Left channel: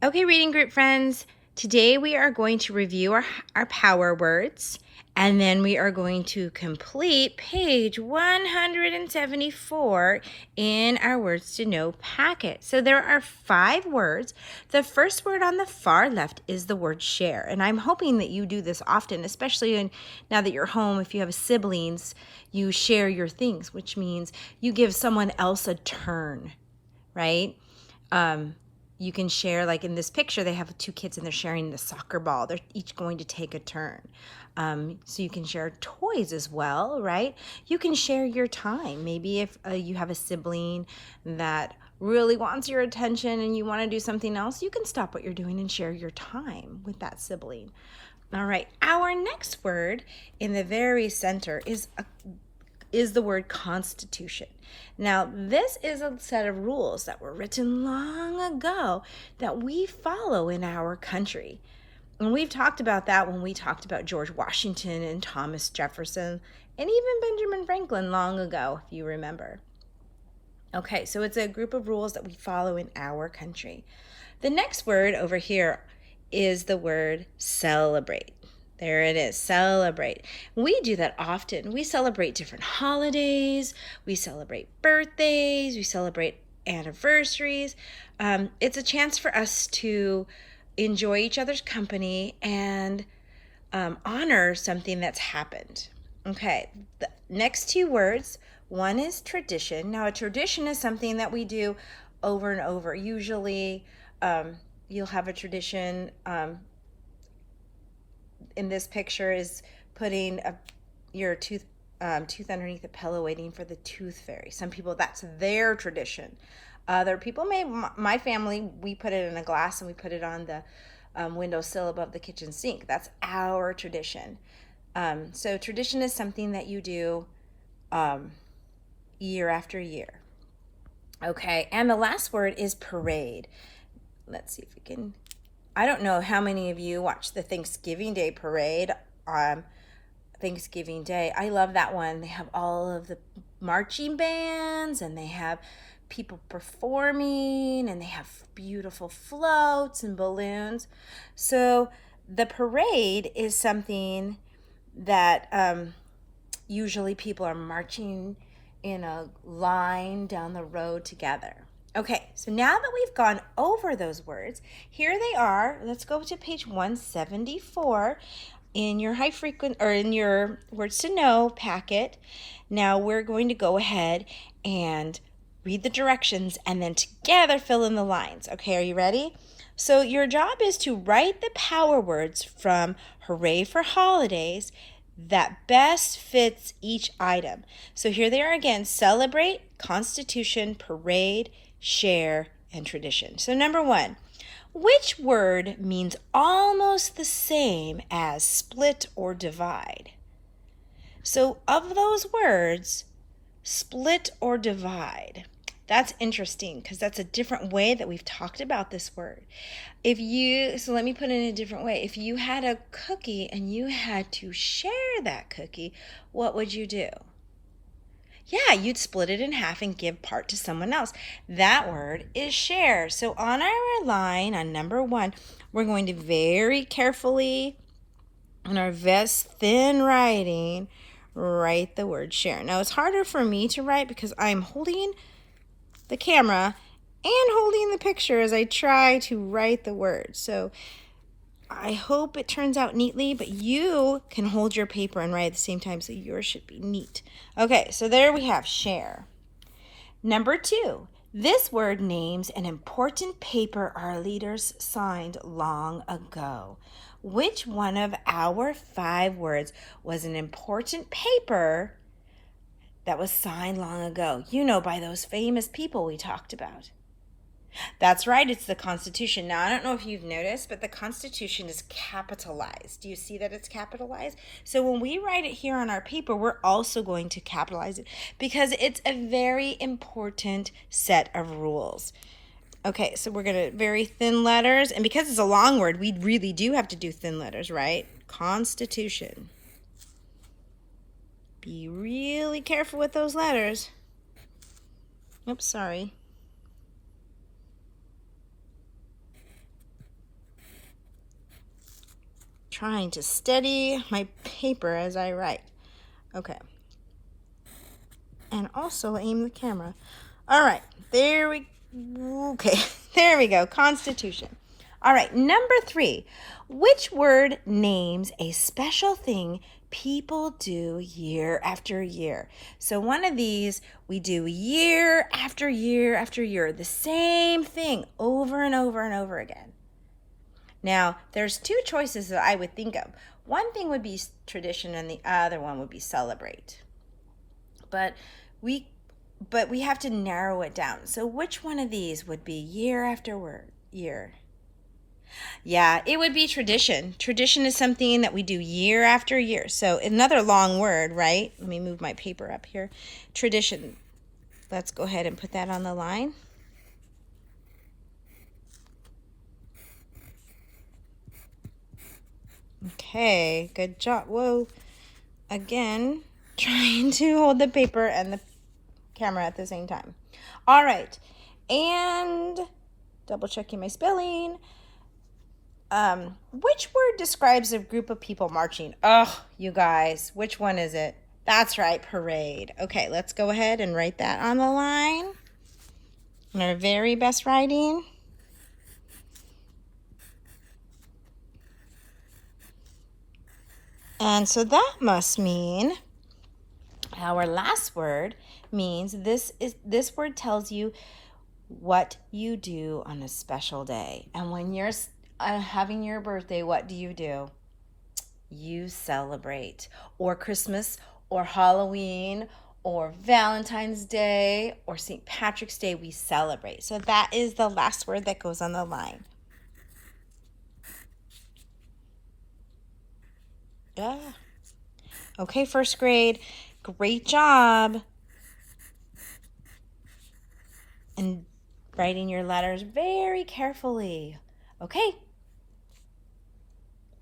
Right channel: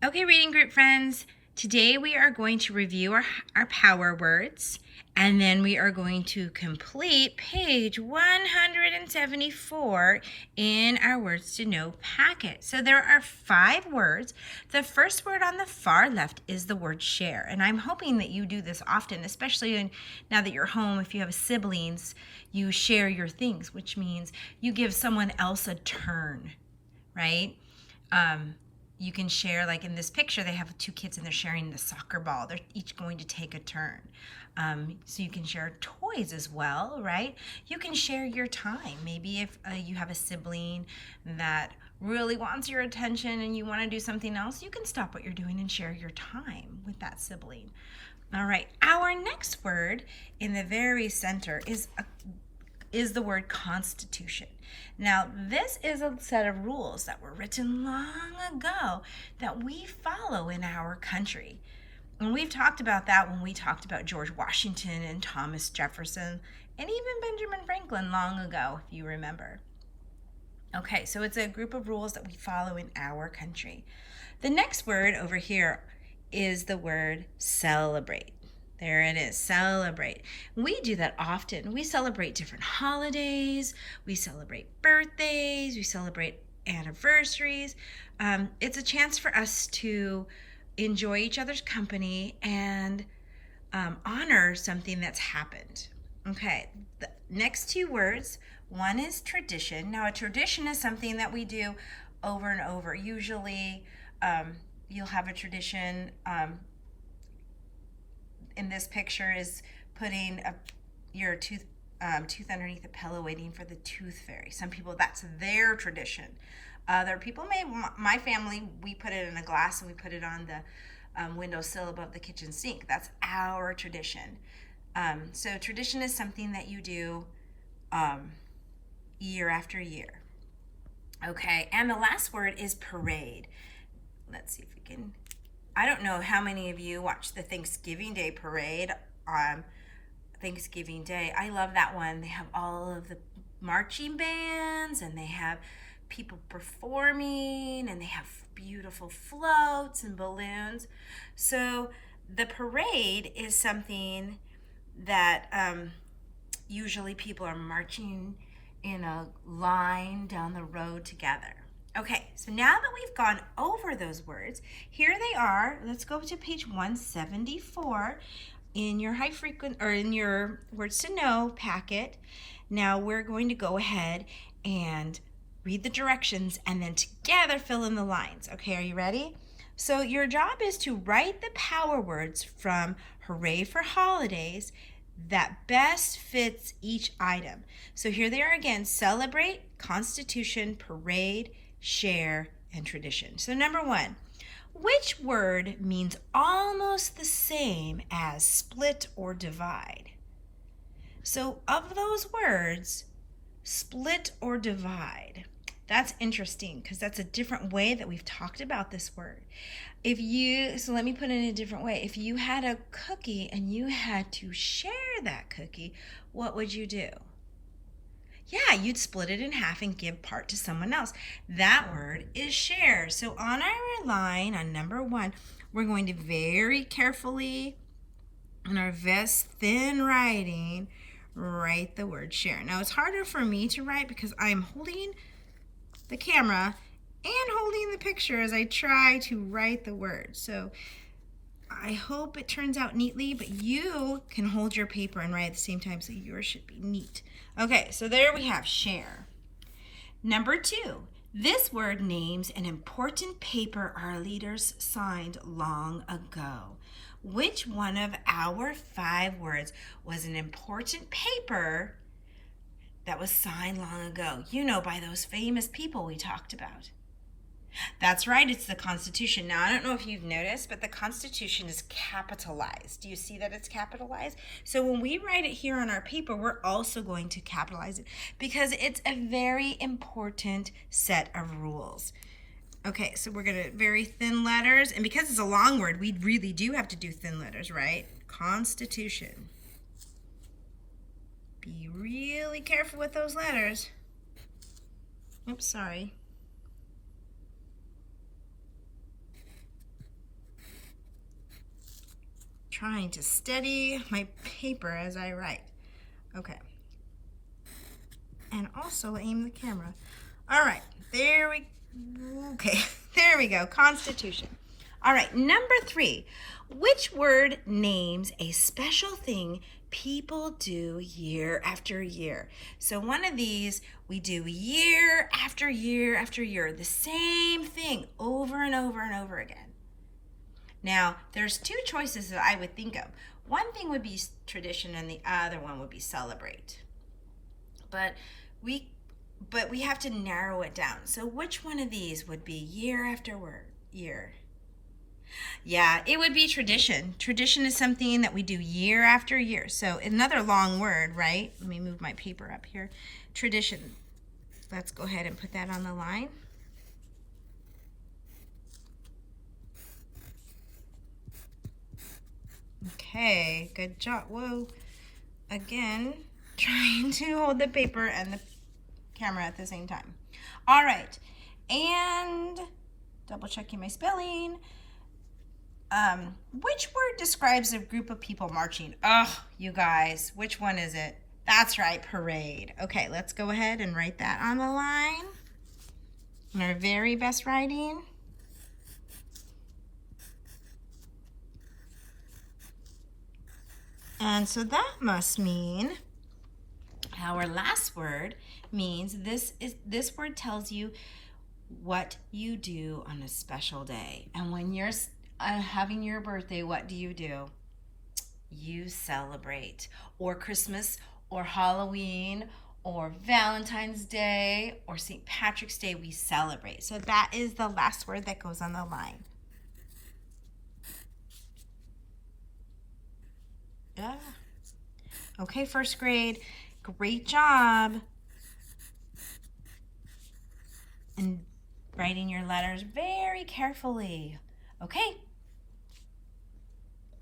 Okay, reading group friends, today we are going to review our power words, and then we are going to complete page 174 in our Words to Know packet. So there are 5 words. The first word on the far left is the word share, and I'm hoping that you do this often, especially now that you're home. If you have siblings, you share your things, which means you give someone else a turn, right? You can share, like in this picture, they have 2 kids and they're sharing the soccer ball. They're each going to take a turn. So you can share toys as well, right? You can share your time. Maybe if you have a sibling that really wants your attention and you want to do something else, you can stop what you're doing and share your time with that sibling. All right, our next word in the very center is the word constitution. Now, this is a set of rules that were written long ago that we follow in our country. And we've talked about that when we talked about George Washington and Thomas Jefferson and even Benjamin Franklin long ago, if you remember. Okay, so it's a group of rules that we follow in our country. The next word over here is the word celebrate. There it is, celebrate. We do that often. We celebrate different holidays, we celebrate birthdays, we celebrate anniversaries. It's a chance for us to enjoy each other's company and honor something that's happened. Okay, the next 2 words, one is tradition. Now, a tradition is something that we do over and over. Usually, you'll have a tradition. In this picture is putting your tooth underneath the pillow waiting for the tooth fairy. Some people, that's their tradition. Other people my family, we put it in a glass and we put it on the windowsill above the kitchen sink. That's our tradition. So tradition is something that you do year after year. Okay, and the last word is parade. Let's see if we can, I don't know how many of you watch the Thanksgiving Day parade on Thanksgiving Day. I love that one. They have all of the marching bands and they have people performing and they have beautiful floats and balloons. So the parade is something that usually people are marching in a line down the road together. Okay, so now that we've gone over those words, here they are. Let's go to page 174 in your high frequent or in your Words to Know packet. Now we're going to go ahead and read the directions and then together fill in the lines. Okay, are you ready? So your job is to write the power words from Hooray for Holidays that best fits each item. So here they are again: celebrate, constitution, parade, share, and tradition. So number 1, which word means almost the same as split or divide? So of those words, split or divide, that's interesting because that's a different way that we've talked about this word. So let me put it in a different way. If you had a cookie and you had to share that cookie, what would you do? Yeah, you'd split it in half and give part to someone else. That word is share. So on our line on number 1, we're going to very carefully, in our best thin writing, write the word share. Now it's harder for me to write because I'm holding the camera and holding the picture as I try to write the word. So I hope it turns out neatly, but you can hold your paper and write at the same time, so yours should be neat. Okay, so there we have share. Number 2, this word names an important paper our leaders signed long ago. Which one of our 5 words was an important paper that was signed long ago? You know, by those famous people we talked about. That's right, it's the Constitution. Now, I don't know if you've noticed, but the Constitution is capitalized. Do you see that it's capitalized? So when we write it here on our paper, we're also going to capitalize it because it's a very important set of rules. Okay, so we're going to very thin letters, and because it's a long word, we really do have to do thin letters, right? Constitution. Be really careful with those letters. Oops, sorry. trying to steady my paper as I write. Okay. And also aim the camera. All right, there we go. Constitution. All right, number 3. Which word names a special thing people do year after year? So one of these we do year after year after year, the same thing over and over and over again. Now, there's 2 choices that I would think of. One thing would be tradition and the other one would be celebrate. But we have to narrow it down. So which one of these would be year after year? Yeah, it would be tradition. Tradition is something that we do year after year. So another long word, right? Let me move my paper up here. Tradition. Let's go ahead and put that on the line. Okay, good job. Whoa. Again, trying to hold the paper and the camera at the same time. All right. And double checking my spelling. Which word describes a group of people marching? Oh, you guys, which one is it? That's right, parade. Okay, let's go ahead and write that on the line. In our very best writing. And so that must mean our last word means this word tells you what you do on a special day. And when you're having your birthday, what do? You celebrate. Or Christmas, or Halloween, or Valentine's Day, or St. Patrick's Day, we celebrate. So that is the last word that goes on the line. Yeah. Okay, first grade, great job. And writing your letters very carefully. Okay,